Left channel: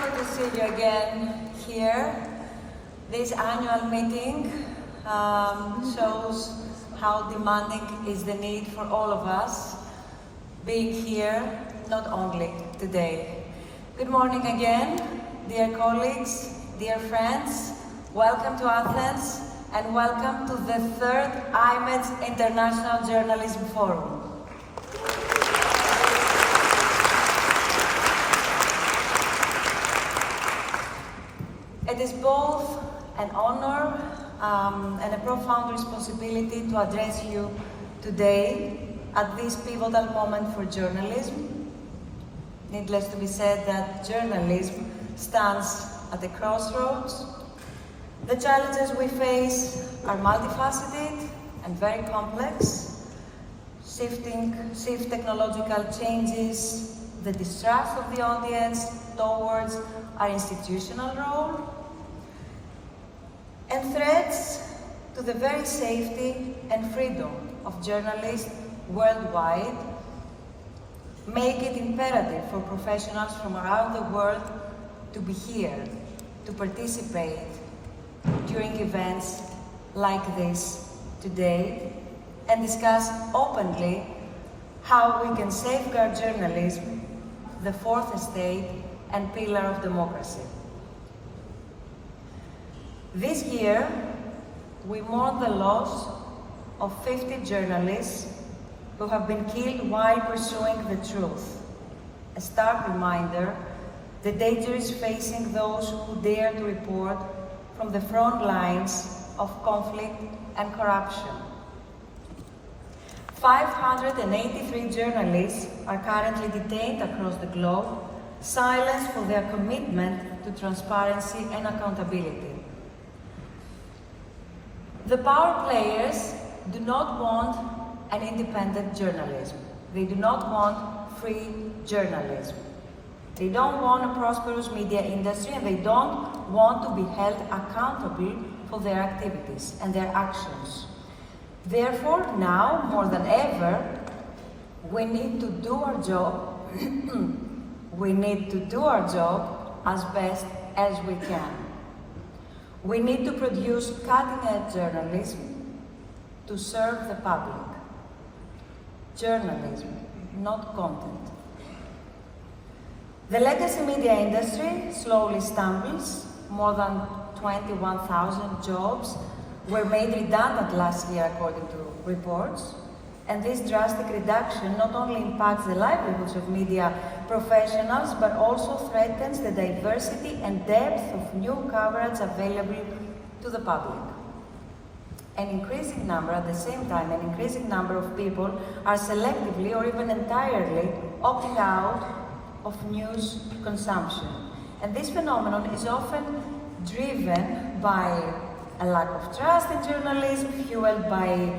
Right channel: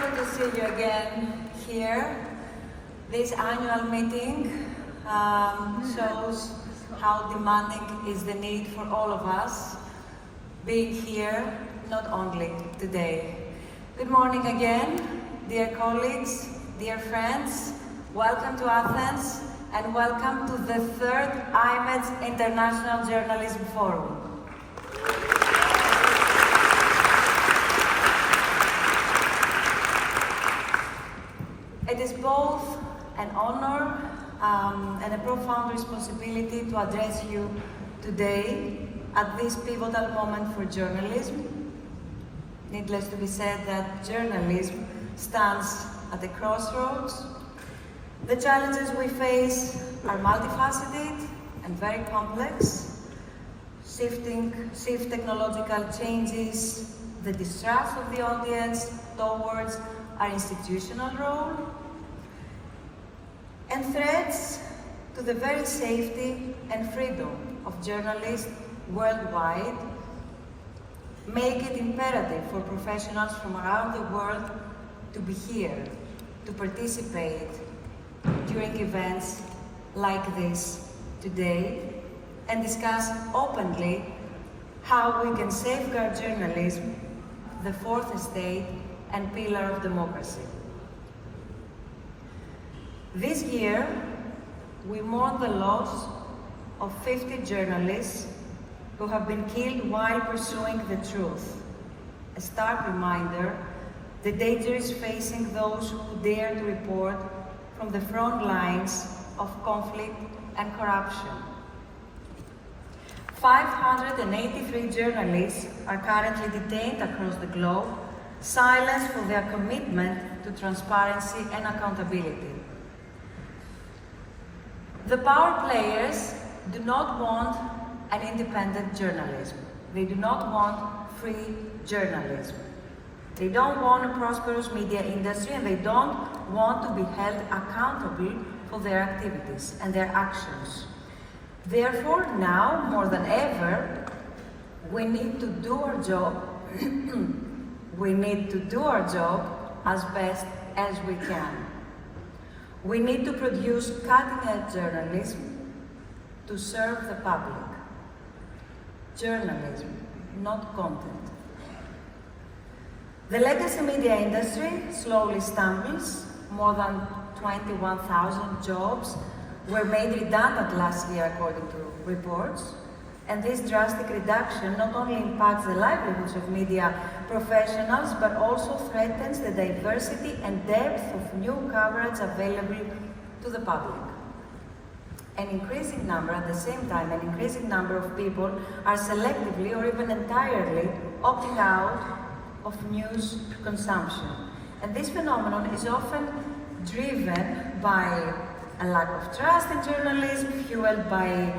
good to see you again here. This annual meeting shows how demanding is the need for all of us being here, not only today. Good morning again, dear colleagues, dear friends. Welcome to Athens and welcome to the third iMEdD International Journalism Forum. It is both an honor and a profound responsibility to address you today at this pivotal moment for journalism. Needless to be said that journalism stands at a crossroads. The challenges we face are multifaceted and very complex. Shift technological changes, the distrust of the audience towards our institutional role, and threats to the very safety and freedom of journalists worldwide make it imperative for professionals from around the world to be here, to participate during events like this today, and discuss openly how we can safeguard journalism, the fourth estate and pillar of democracy. This year, we mourn the loss of 50 journalists who have been killed while pursuing the truth. A stark reminder, the danger is facing those who dare to report from the front lines of conflict and corruption. 583 journalists are currently detained across the globe, silenced for their commitment to transparency and accountability. The power players do not want an independent journalism. They do not want free journalism. They don't want a prosperous media industry, and they don't want to be held accountable for their activities and their actions. Therefore, now more than ever, we need to do our job. We need to do our job as best as we can. We need to produce cutting-edge journalism to serve the public. Journalism, not content. The legacy media industry slowly stumbles. More than 21,000 jobs were made redundant last year, according to reports. And this drastic reduction not only impacts the livelihoods of media professionals, but also threatens the diversity and depth of new coverage available to the public. An increasing number, at the same time, an increasing number of people are selectively or even entirely opting out of news consumption. And this phenomenon is often driven by a lack of trust in journalism, fueled by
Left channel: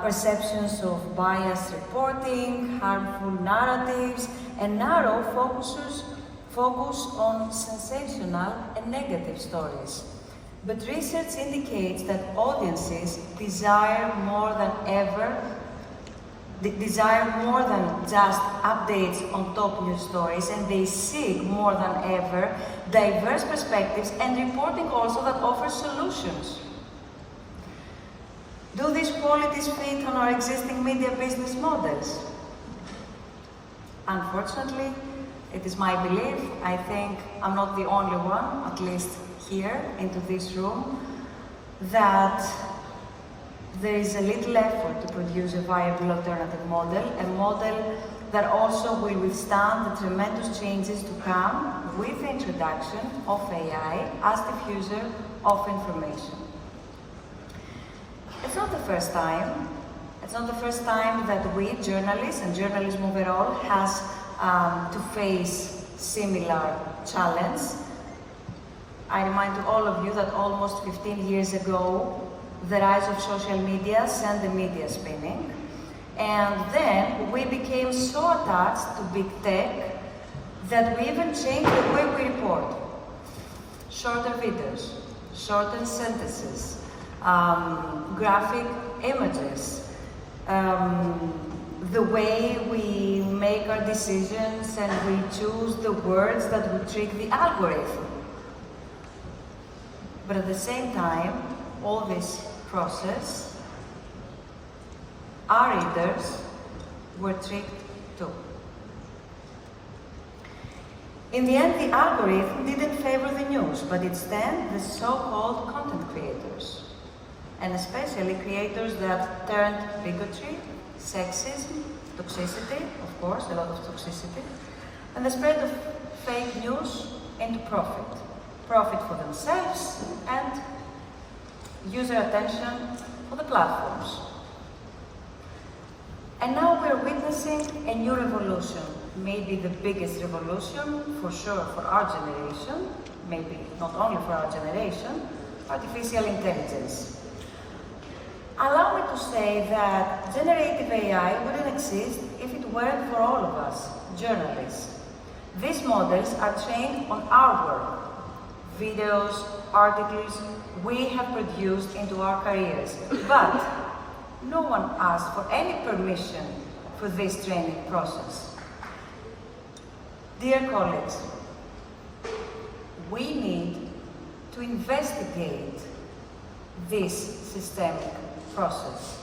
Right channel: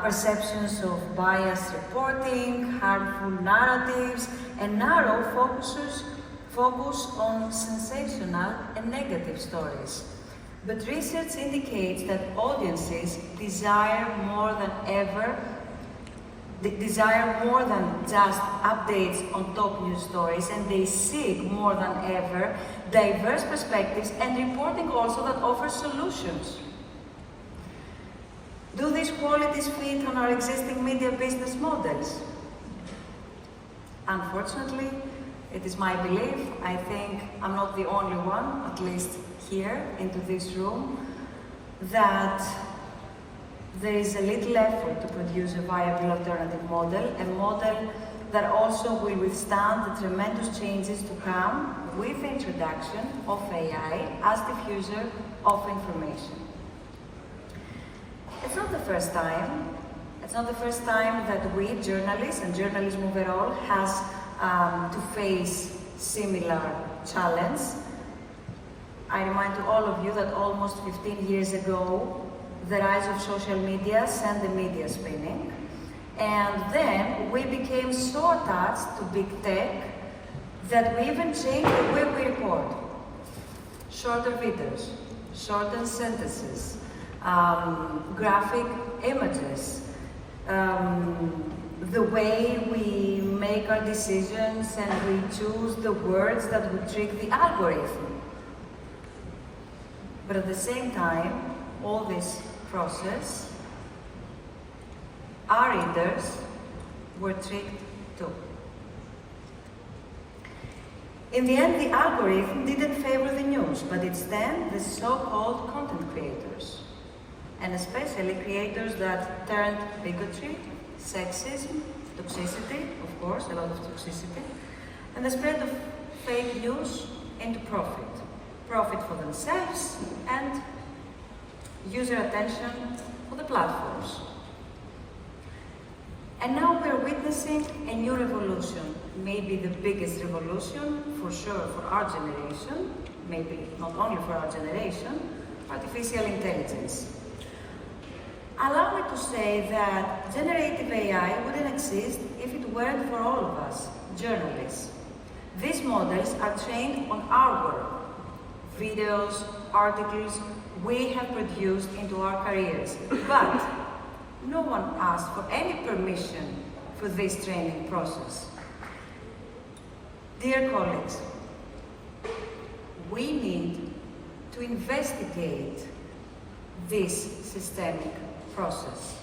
perceptions of biased reporting, harmful narratives, and narrow focus on sensational and negative stories. But research indicates that audiences desire more than just updates on top news stories, and they seek more than ever diverse perspectives and reporting also that offers solutions. Do these qualities fit on our existing media business models? Unfortunately, it is my belief, I think I'm not the only one, at least here into this room, that there is a little effort to produce a viable alternative model, a model that also will withstand the tremendous changes to come with the introduction of AI as diffuser of information. It's not the first time. It's not the first time that we, journalists and journalism overall, has to face similar challenge. I remind to all of you that almost 15 years ago, the rise of social media sent the media spinning. And then we became so attached to big tech that we even changed the way we report. Shorter videos, shortened sentences, graphic images, the way we make our decisions and we choose the words that would trick the algorithm. But at the same time, all this process, our readers were tricked too. In the end, the algorithm didn't favor the news, but instead the so-called content creators, and especially creators that turned bigotry, sexism, toxicity, of course, a lot of toxicity, and the spread of fake news into profit. Profit for themselves and user attention for the platforms. And now we're witnessing a new revolution, maybe the biggest revolution, for sure, for our generation, maybe not only for our generation, artificial intelligence. Allow me to say that generative AI wouldn't exist if it weren't for all of us, journalists. These models are trained on our work, videos, articles we have produced into our careers, but no one asked for any permission for this training process. Dear colleagues, we need to investigate this systemic process.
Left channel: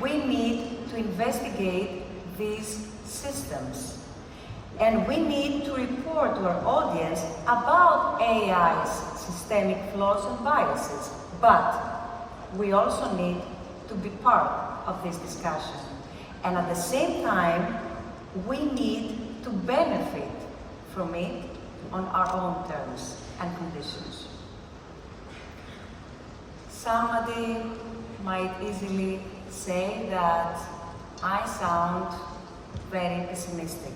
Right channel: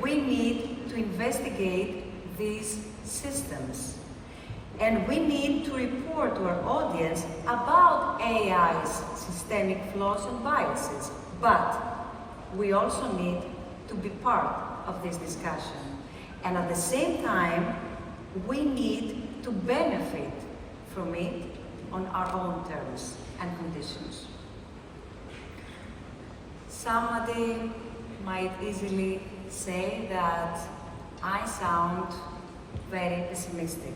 We need to investigate these systems. And we need to report to our audience about AI's systemic flaws and biases. But we also need to be part of this discussion. And at the same time, we need to benefit from it on our own terms and conditions. Somebody might easily say that I sound very pessimistic.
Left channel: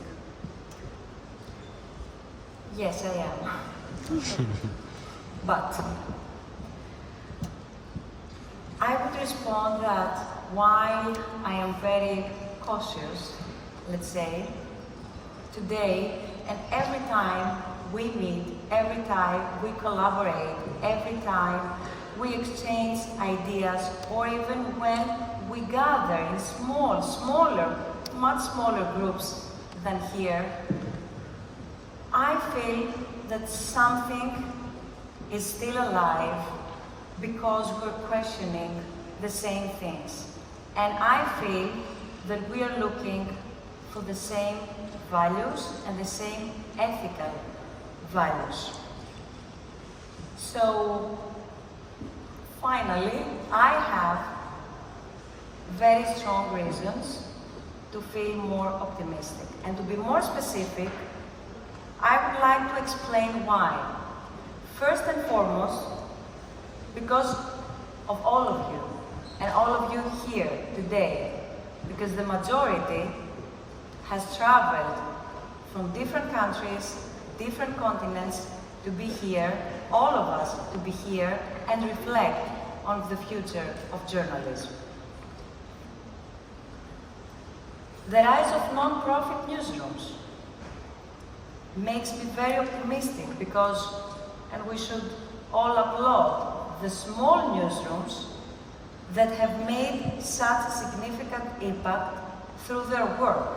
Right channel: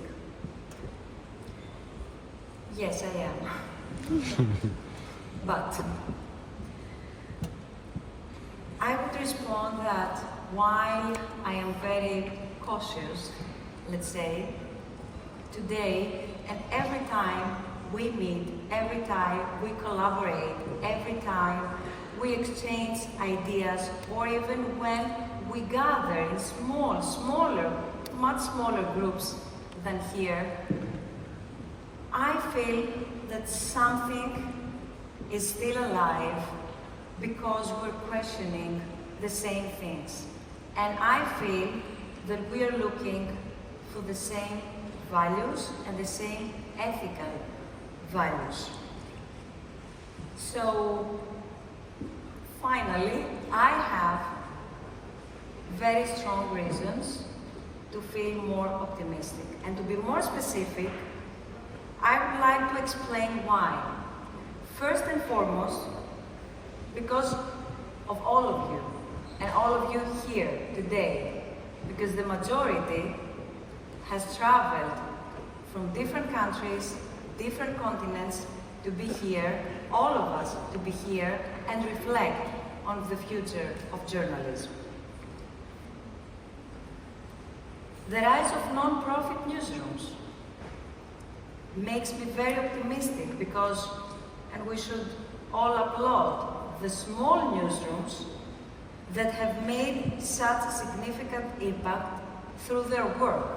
Yes, I am. But I would respond that while I am very cautious, let's say, today and every time we meet, every time we collaborate, every time we exchange ideas, or even when we gather in much smaller groups than here, I feel that something is still alive because we're questioning the same things. And I feel that we are looking for the same values and the same ethical values. So, finally, I have very strong reasons to feel more optimistic. And to be more specific, I would like to explain why. First and foremost, because of all of you, and all of you here today, because the majority has traveled from different countries, different continents to be here, all of us to be here and reflect on the future of journalism. The rise of non-profit newsrooms makes me very optimistic because, and we should all applaud the small newsrooms that have made such a significant impact through their work.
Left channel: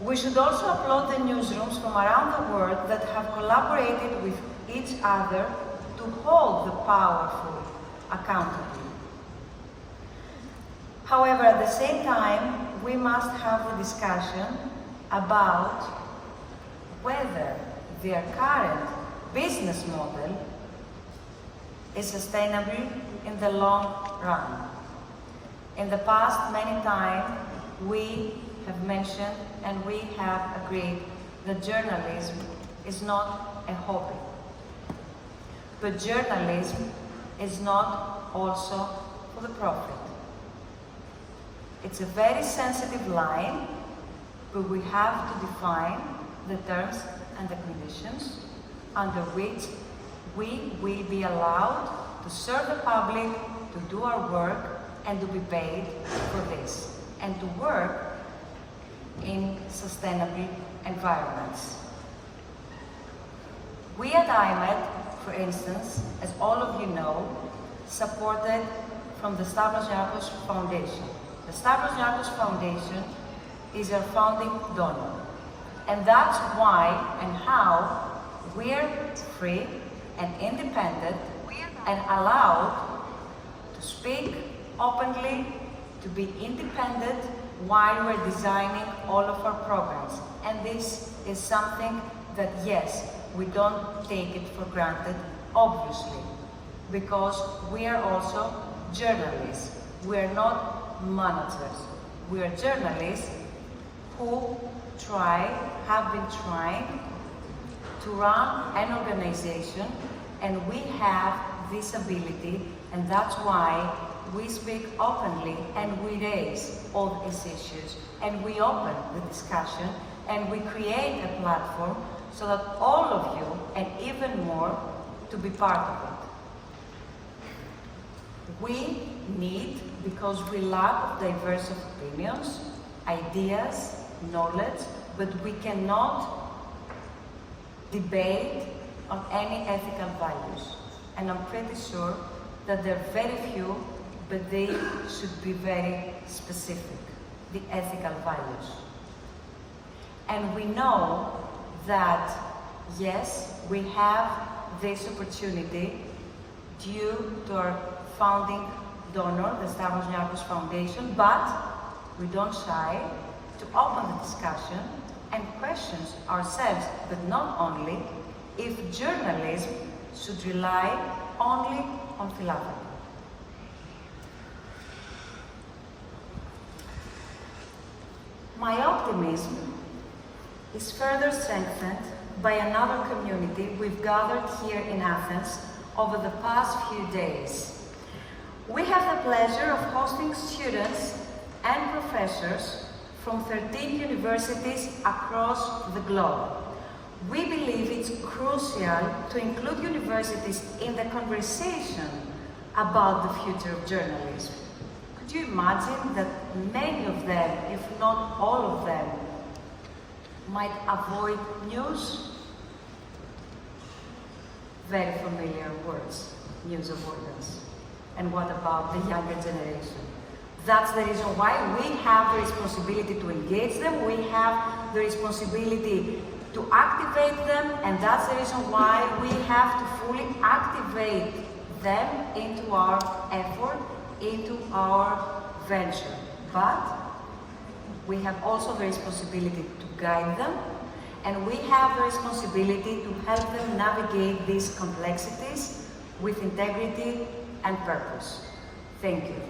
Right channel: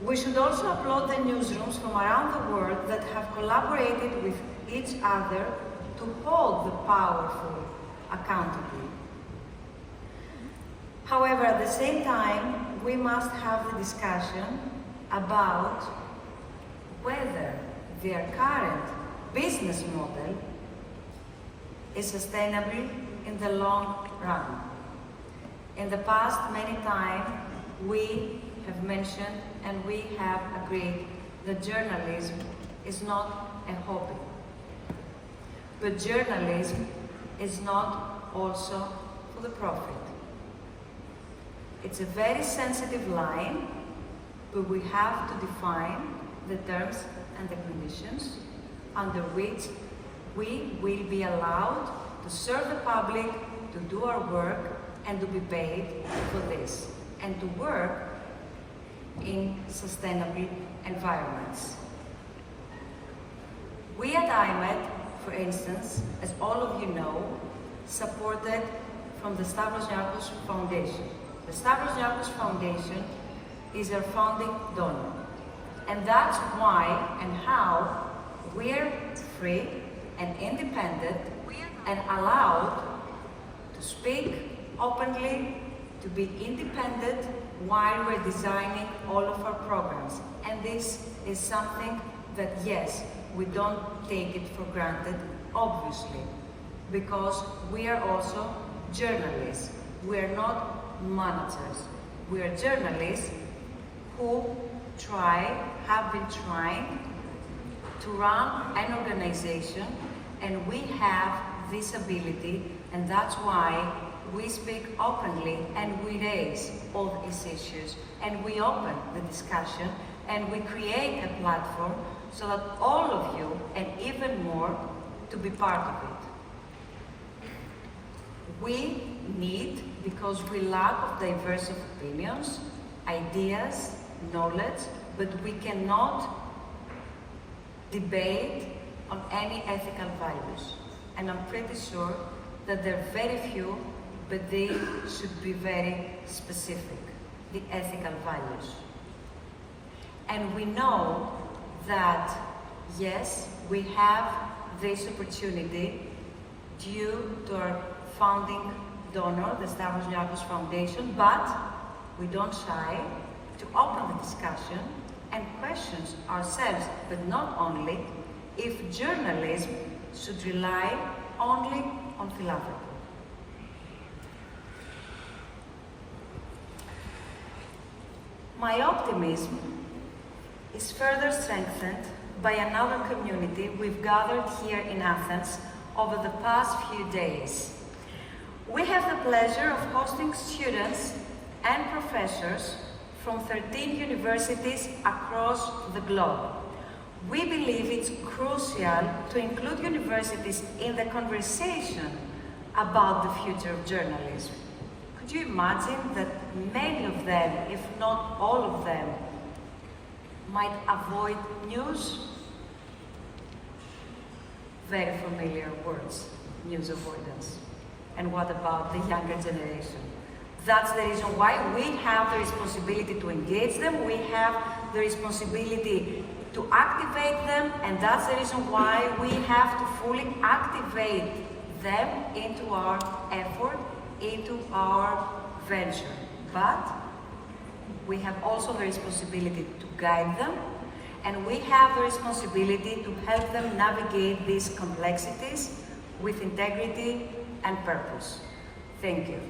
We should also applaud the newsrooms from around the world that have collaborated with each other to hold the powerful accountable. However, at the same time, we must have the discussion about whether their current business model is sustainable in the long run. In the past, many times, we have mentioned and we have agreed that journalism is not a hobby. But journalism is not also for the profit. It's a very sensitive line, but we have to define the terms and the conditions under which we will be allowed to serve the public, to do our work, and to be paid for this, and to work in sustainable environments. We at iMEdD, for instance, as all of you know, supported from the Stavros Niarchos Foundation. The Stavros Niarchos Foundation is our founding donor. And that's why and how we're free and independent and allowed to speak openly, to be independent while we're designing all of our programs. And this is something that, yes, we don't take it for granted, obviously, because we are also journalists. We are not managers. We are journalists who have been trying to run an organization, and we have this ability, and that's why we speak openly and we raise all these issues, and we open the discussion, and we create a platform so that all of you, and even more, to be part of it. We need, because we lack of diverse opinions, ideas, knowledge, but we cannot debate on any ethical values. And I'm pretty sure that there are very few, but they should be very specific, the ethical values. And we know that, yes, we have this opportunity due to our founding donor, the Stavros Niarchos Foundation, but we don't shy to open the discussion and questions ourselves, but not only, if journalism should rely only on philanthropy. My optimism is further strengthened by another community we've gathered here in Athens over the past few days. We have the pleasure of hosting students and professors from 13 universities across the globe. We believe it's crucial to include universities in the conversation about the future of journalism. Could you imagine that many of them, if not all of them, might avoid news? Very familiar words, news avoidance. And what about the younger generation? That's the reason why we have the responsibility to engage them, we have the responsibility to activate them, and that's the reason why we have to fully activate them into our effort, into our venture. But we have also the responsibility to guide them, and we have the responsibility to help them navigate these complexities with integrity and purpose. Thank you.